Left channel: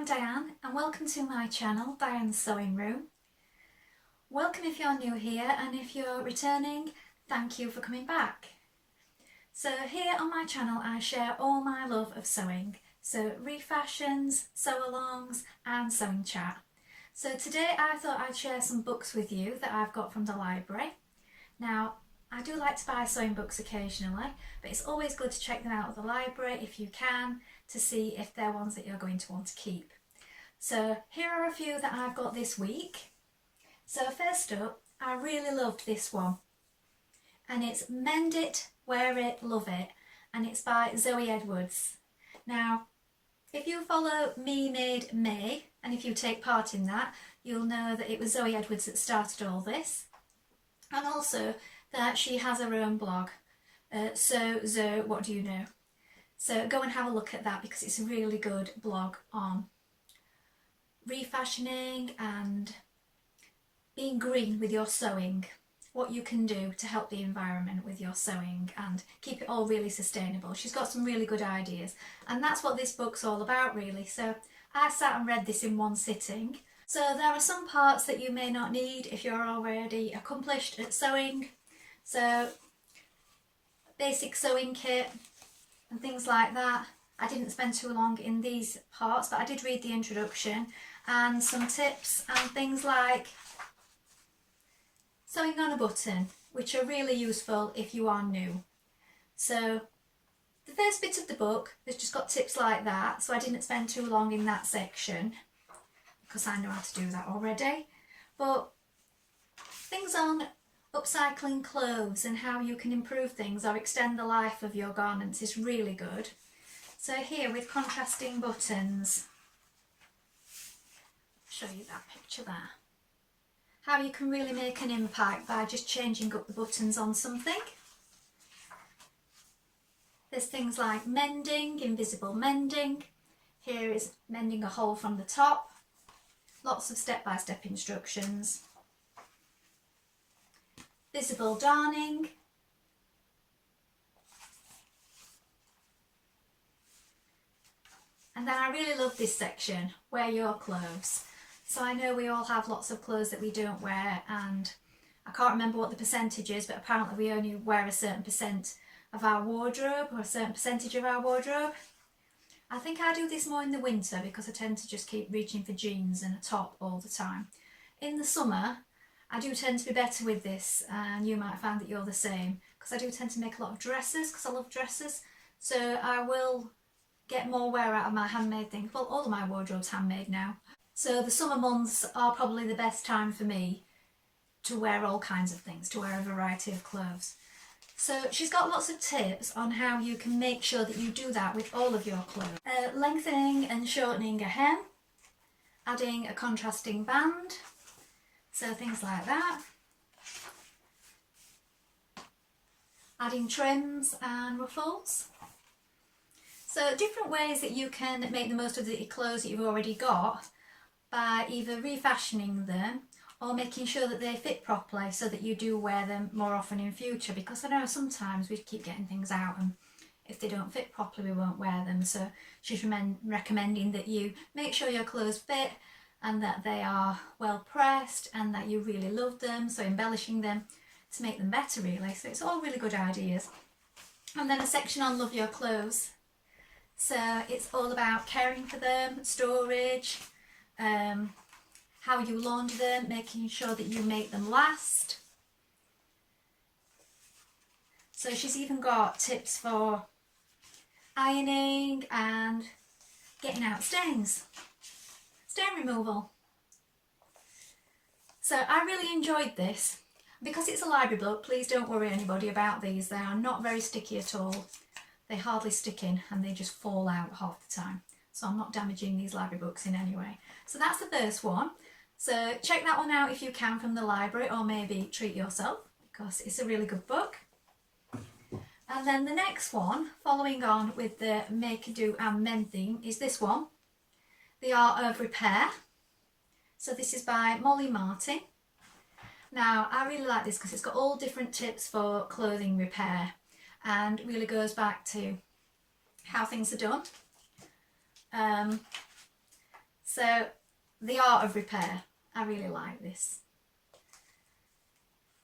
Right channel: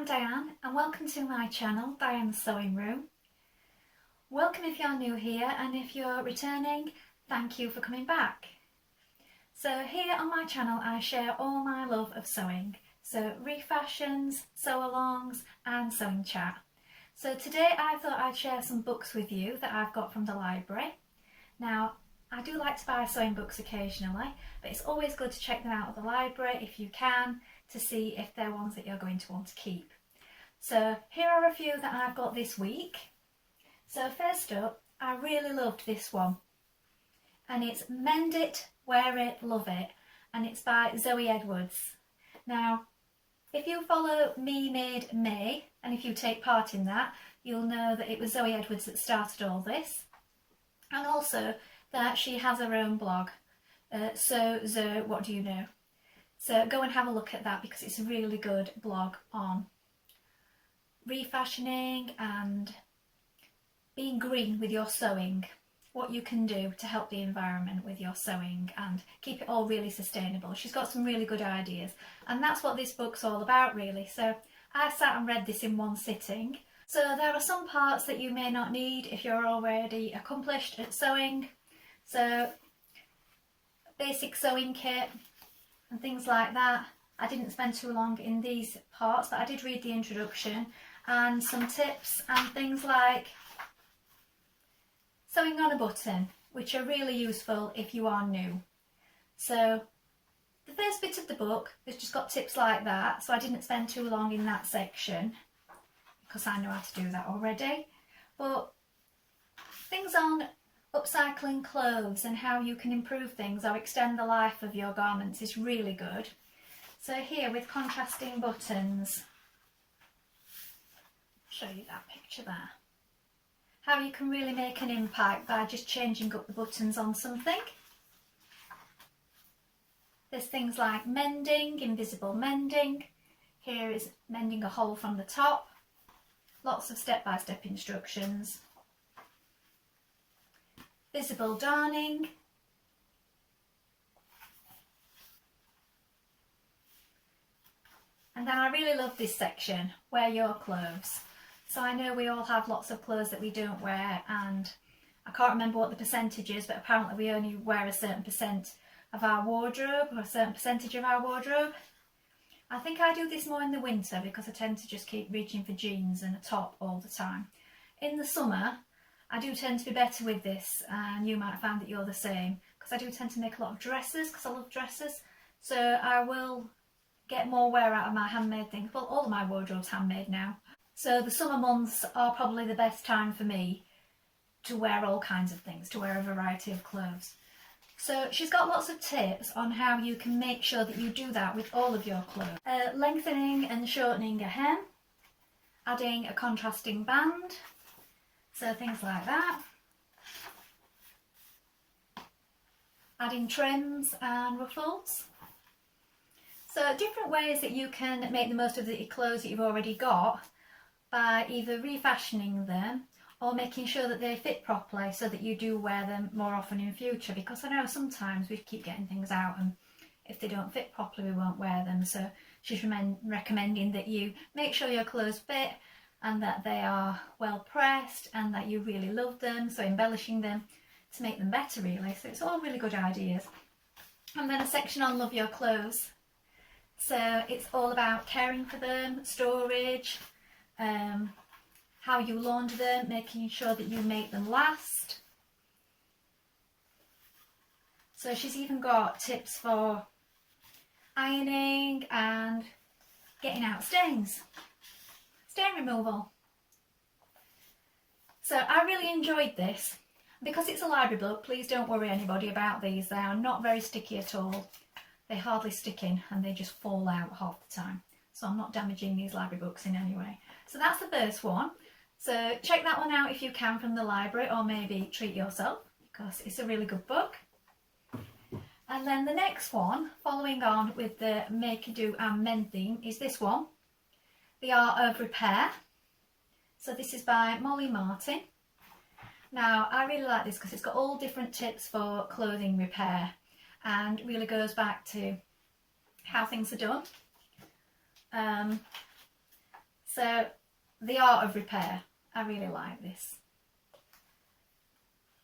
I'm Diane and welcome to my channel, Diane's Sewing Room. Welcome if you're new here, and if you're returning, thank you for coming back. So here on my channel I share all my love of sewing, so refashions, sew-alongs and sewing chat. So today I thought I'd share some books with you that I've got from the library. Now I do like to buy sewing books occasionally, but it's always good to check them out at the library if you can, to see if they're ones that you're going to want to keep. So here are a few that I've got this week. So first up, I really loved this one, and it's Mend It, Wear It, Love It, and it's by Zoe Edwards. Now if you follow Me Made May, and if you take part in that, you'll know that it was Zoe Edwards that started all this, and also that she has her own blog, So Zoe, What Do You Know? So go and have a look at that, because it's a really good blog on refashioning and being green with your sewing, what you can do to help the environment with your sewing and keep it all really sustainable. She's got some really good ideas, and that's what this book's all about really. So I sat and read this in one sitting. So there are some parts that you may not need if you're already accomplished at sewing. So basic sewing kit and things like that. I didn't spend too long in these parts, but I did read the introduction and some tips and things like sewing on a button, which are really useful if you are new. So the first bit of the book has just got tips like that, so I didn't spend too long in that section because I know how to do that already. But things on upcycling clothes and how you can improve things or extend the life of your garments is really good. So here with contrasting buttons, show you that picture there, how you can really make an impact by just changing up the buttons on something. There's things like mending, invisible mending. Here is mending a hole from the top. Lots of step-by-step instructions. Visible darning. And then I really love this section, wear your clothes. So I know we all have lots of clothes that we don't wear, and I can't remember what the percentage is, but apparently we only wear a certain percent of our wardrobe, or a certain percentage of our wardrobe. I think I do this more in the winter because I tend to just keep reaching for jeans and a top all the time. In the summer I do tend to be better with this, and you might find that you're the same, because I do tend to make a lot of dresses because I love dresses. So I will get more wear out of my handmade things. Well, all of my wardrobe's handmade now. So the summer months are probably the best time for me to wear all kinds of things, to wear a variety of clothes. So she's got lots of tips on how you can make sure that you do that with all of your clothes. Lengthening and shortening a hem, adding a contrasting band, so things like that. Adding trims and ruffles. So different ways that you can make the most of the clothes that you've already got by either refashioning them or making sure that they fit properly so that you do wear them more often in future, because I know sometimes we keep getting things out and if they don't fit properly we won't wear them. So she's recommending that you make sure your clothes fit and that they are well pressed and that you really love them, so embellishing them to make them better really. So it's all really good ideas. And then a section on love your clothes. So it's all about caring for them, storage, how you launder them, making sure that you make them last. So she's even got tips for ironing and getting out stains, stain removal. So I really enjoyed this. Because it's a library book, please don't worry anybody about these. They are not very sticky at all. They hardly stick in and they just fall out half the time. So I'm not damaging these library books in any way. So that's the first one. So check that one out if you can from the library, or maybe treat yourself because it's a really good book. And then the next one, following on with the make, do and mend theme, is this one, The Art of Repair. So this is by Molly Martin. Now I really like this because it's got all different tips for clothing repair and really goes back to how things are done. So the art of repair, I really like this.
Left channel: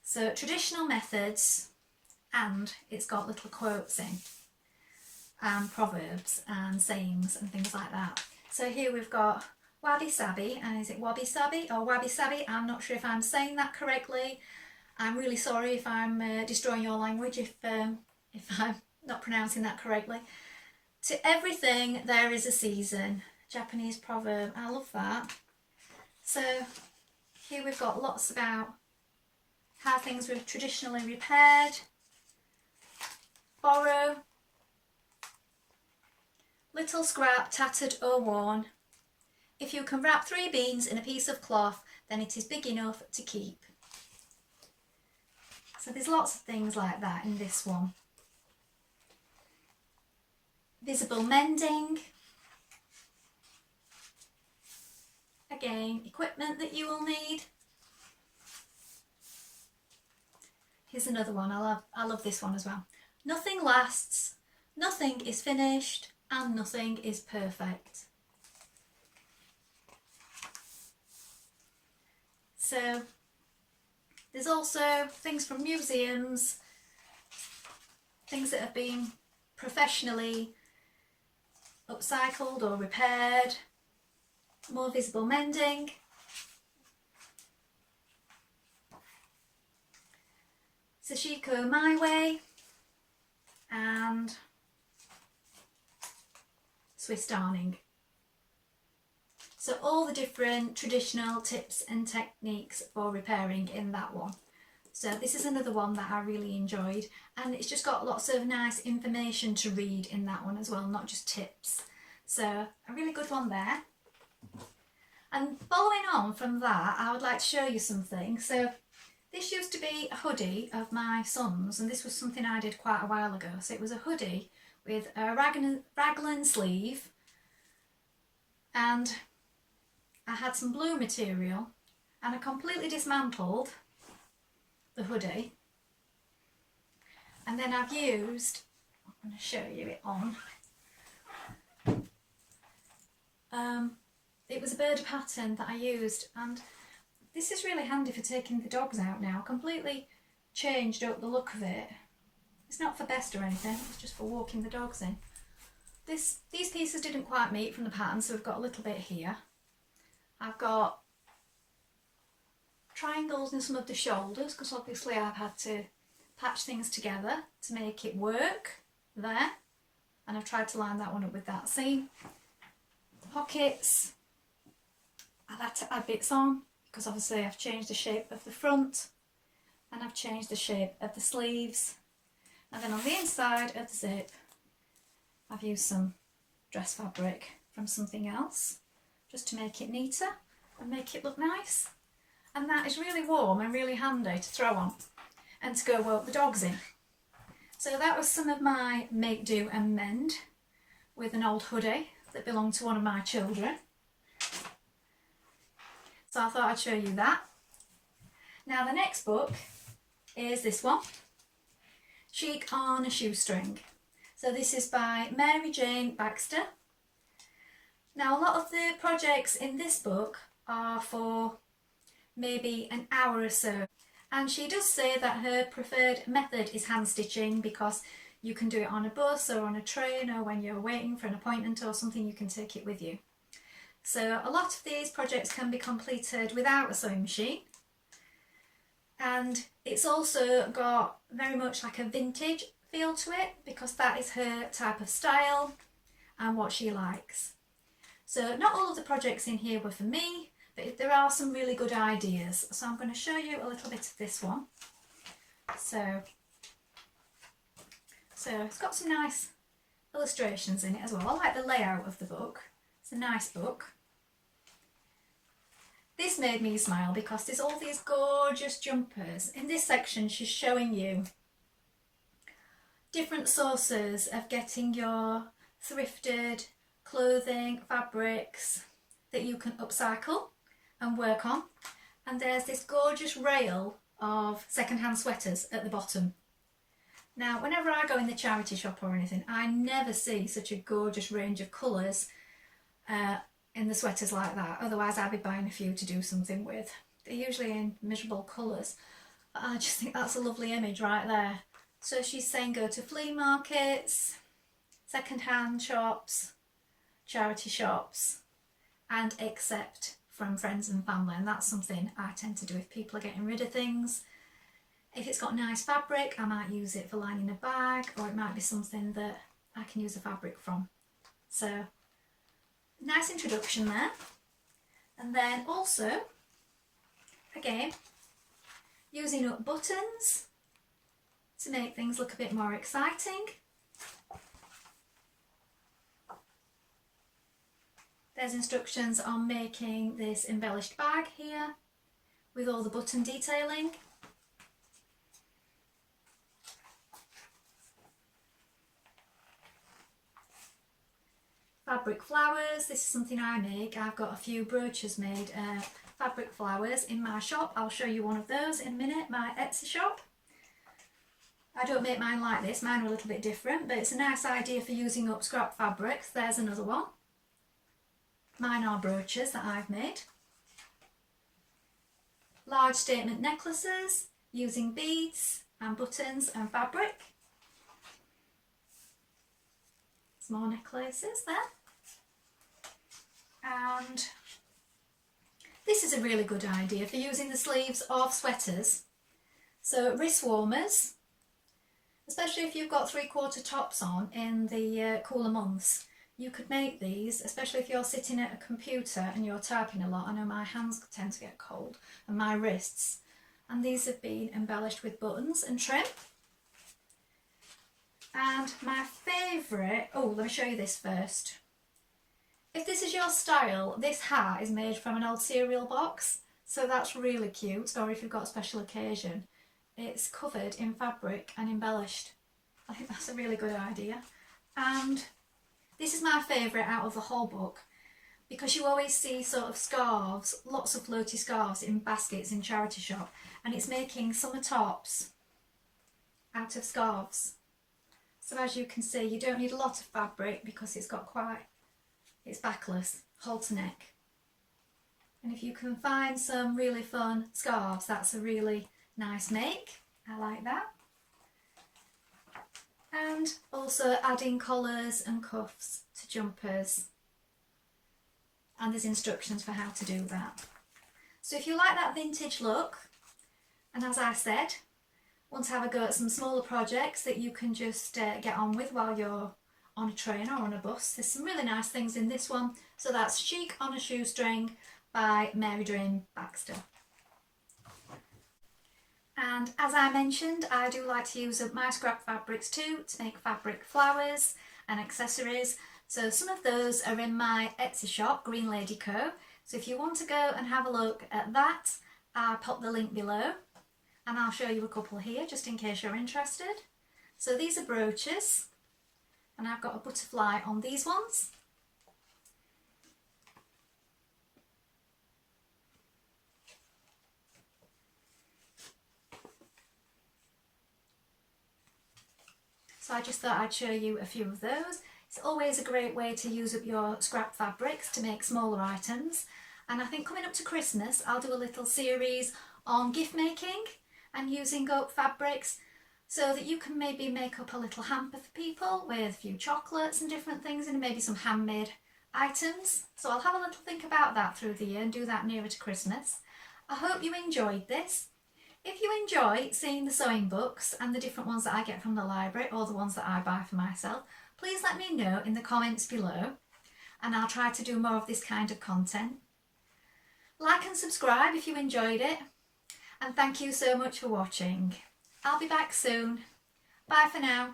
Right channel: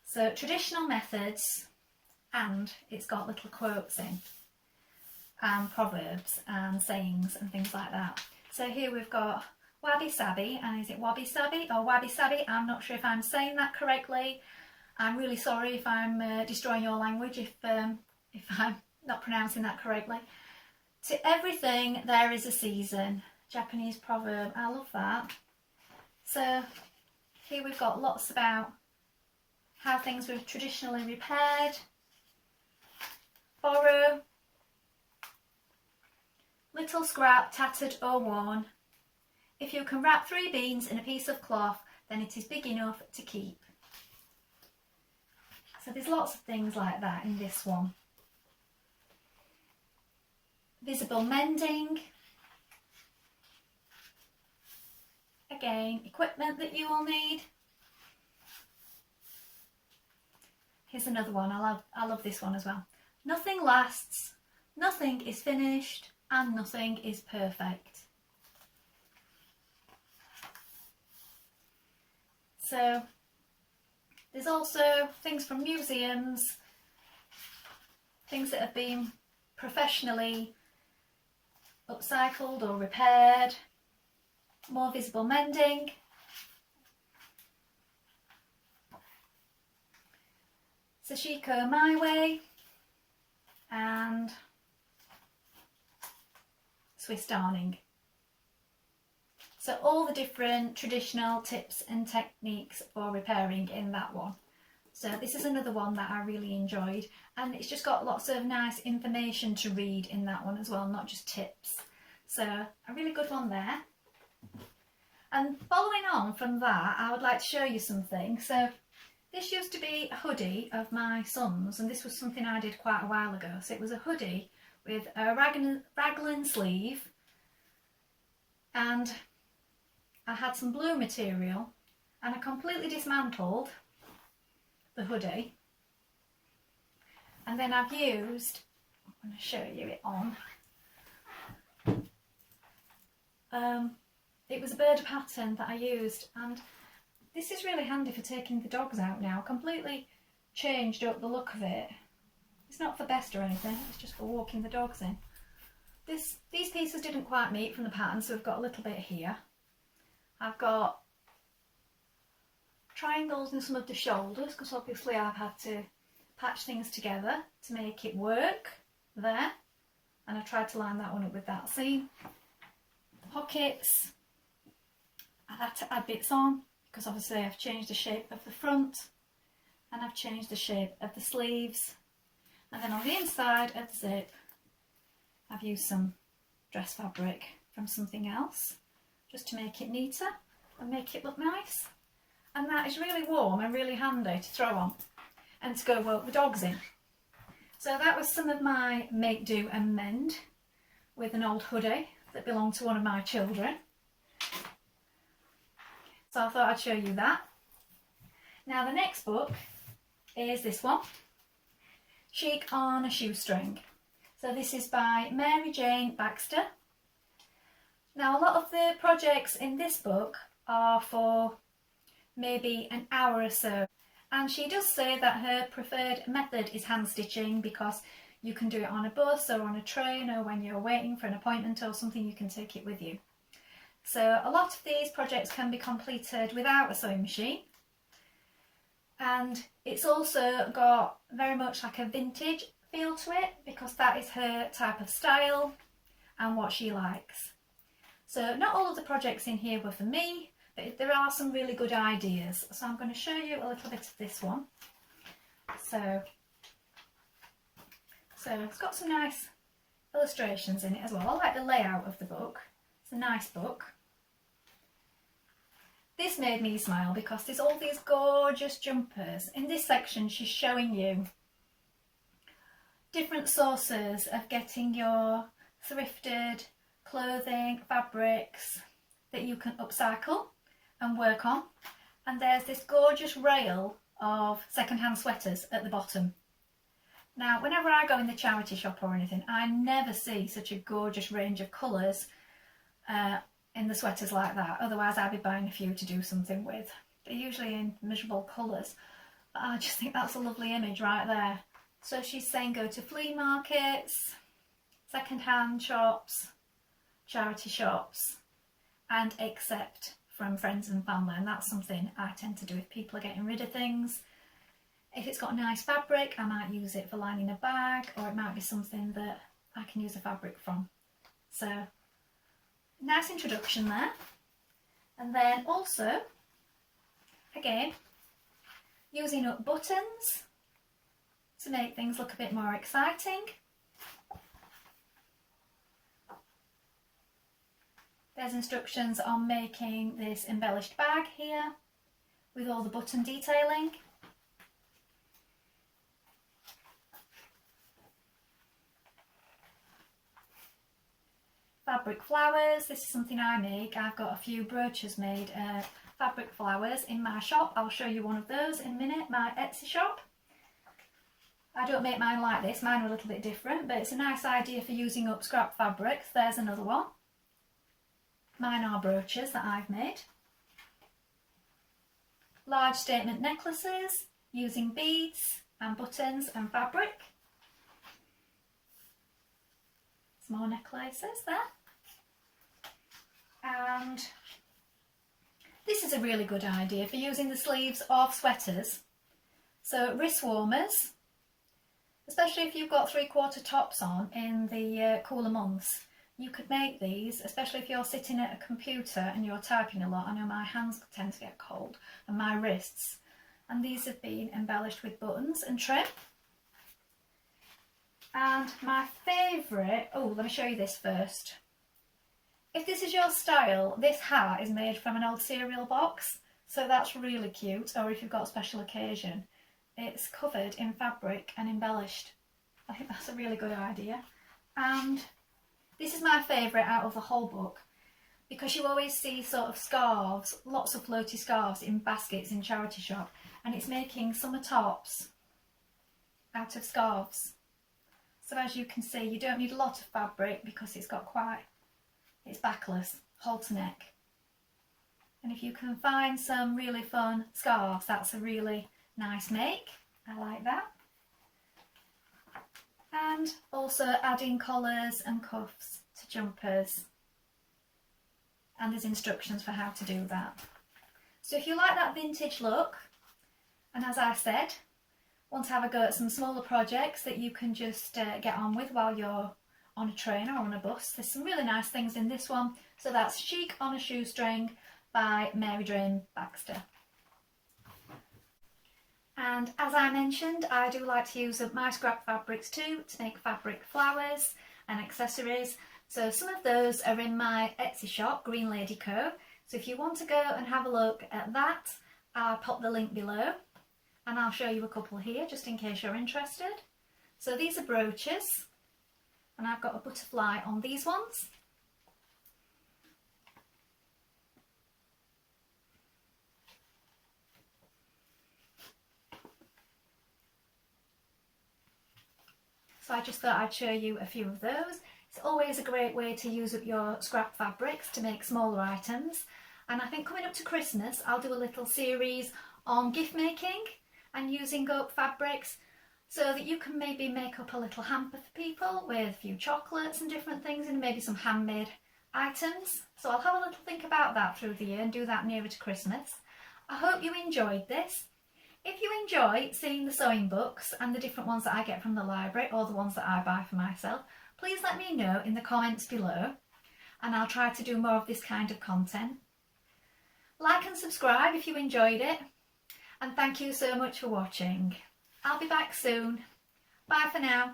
So traditional methods, and it's got little quotes in and proverbs and sayings and things like that. So here we've got wabi sabi, and is it wabi sabi or wabi sabi? I'm not sure if I'm saying that correctly. I'm really sorry if I'm destroying your language if I'm not pronouncing that correctly. To everything there is a season. Japanese proverb. I love that. So here we've got lots about how things were traditionally repaired. Borrow. Little scrap, tattered or worn. If you can wrap 3 beans in a piece of cloth, then it is big enough to keep. So there's lots of things like that in this one. Visible mending. Again, equipment that you will need. Here's another one. I love this one as well. Nothing lasts, nothing is finished, and nothing is perfect. So there's also things from museums, things that have been professionally upcycled or repaired. More visible mending. Sashiko My Way and Swiss darning. So all the different traditional tips and techniques for repairing in that one. So this is another one that I really enjoyed, and it's just got lots of nice information to read in that one as well, not just tips. So a really good one there. And following on from that, I would like to show you something. So this used to be a hoodie of my son's, and this was something I did quite a while ago. So it was a hoodie with a raglan sleeve, and I had some blue material, and I completely dismantled the hoodie, and then I've used, I'm going to show you it on, it was a bird pattern that I used, and this is really handy for taking the dogs out now. Completely changed up the look of it. It's not for best or anything, it's just for walking the dogs in. These pieces didn't quite meet from the pattern, so we've got a little bit here. I've got triangles in some of the shoulders because obviously I've had to patch things together to make it work there, and I've tried to line that one up with that seam. Pockets, I've had to add bits on because obviously I've changed the shape of the front and I've changed the shape of the sleeves, and then on the inside of the zip I've used some dress fabric from something else just to make it neater and make it look nice. And that is really warm and really handy to throw on and to go walk the dogs in. So that was some of my make, do and mend with an old hoodie that belonged to one of my children. So I thought I'd show you that. Now the next book is this one, Chic on a Shoestring. So this is by Mary Jane Baxter. Now a lot of the projects in this book are for maybe an hour or so, and she does say that her preferred method is hand stitching because you can do it on a bus or on a train, or when you're waiting for an appointment or something, you can take it with you. So a lot of these projects can be completed without a sewing machine, and it's also got very much like a vintage feel to it because that is her type of style and what she likes. So not all of the projects in here were for me, but there are some really good ideas. So I'm going to show you a little bit of this one. So it's got some nice illustrations in it as well. I like the layout of the book. It's a nice book. This made me smile because there's all these gorgeous jumpers. In this section she's showing you different sources of getting your thrifted clothing, fabrics that you can upcycle and work on. And there's this gorgeous rail of second-hand sweaters at the bottom. Now whenever I go in the charity shop or anything, I never see such a gorgeous range of colours in the sweaters like that, otherwise I'd be buying a few to do something with. They're usually in miserable colours, but I just think that's a lovely image right there. So she's saying go to flea markets, second-hand shops, charity shops, and accept from friends and family, and that's something I tend to do if people are getting rid of things. If it's got nice fabric, I might use it for lining a bag, or it might be something that I can use a fabric from. So nice introduction there. And then also, again, using up buttons to make things look a bit more exciting. There's instructions on making this embellished bag here with all the button detailing. Fabric flowers, this is something I make. I've got a few brooches made, fabric flowers in my shop. I'll show you one of those in a minute, my Etsy shop. I don't make mine like this, mine are a little bit different, but it's a nice idea for using up scrap fabrics. There's another one. Mine are brooches that I've made. Large statement necklaces using beads and buttons and fabric. Some more necklaces there. And this is a really good idea for using the sleeves of sweaters. So wrist warmers, especially if you've got 3/4 tops on in the cooler months. You could make these, especially if you're sitting at a computer and you're typing a lot. I know my hands tend to get cold and my wrists. And these have been embellished with buttons and trim. And my favourite, oh, let me show you this first. If this is your style, this hat is made from an old cereal box. So that's really cute. Or if you've got a special occasion, it's covered in fabric and embellished. I think that's a really good idea. And this is my favourite out of the whole book, because you always see sort of scarves, lots of floaty scarves in baskets in charity shop, and it's making summer tops out of scarves. So as you can see, you don't need a lot of fabric because it's backless, halter neck. And if you can find some really fun scarves, that's a really nice make. I like that. And also adding collars and cuffs to jumpers. And there's instructions for how to do that. So if you like that vintage look, and as I said, want to have a go at some smaller projects that you can just get on with while you're on a train or on a bus, there's some really nice things in this one. So that's Chic on a Shoestring by Baxter. And as I mentioned, I do like to use up my scrap fabrics too to make fabric flowers and accessories. So some of those are in my Etsy shop, Green Lady Co. So if you want to go and have a look at that, I'll pop the link below and I'll show you a couple here just in case you're interested. So these are brooches and I've got a butterfly on these ones. So I just thought I'd show you a few of those. It's always a great way to use up your scrap fabrics to make smaller items. And I think coming up to Christmas, I'll do a little series on gift making and using up fabrics so that you can maybe make up a little hamper for people with a few chocolates and different things and maybe some handmade items. So I'll have a little think about that through the year and do that nearer to Christmas. I hope you enjoyed this. If you enjoy seeing the sewing books and the different ones that I get from the library or the ones that I buy for myself, please let me know in the comments below and I'll try to do more of this kind of content. Like and subscribe if you enjoyed it, and thank you so much for watching. I'll be back soon. Bye for now.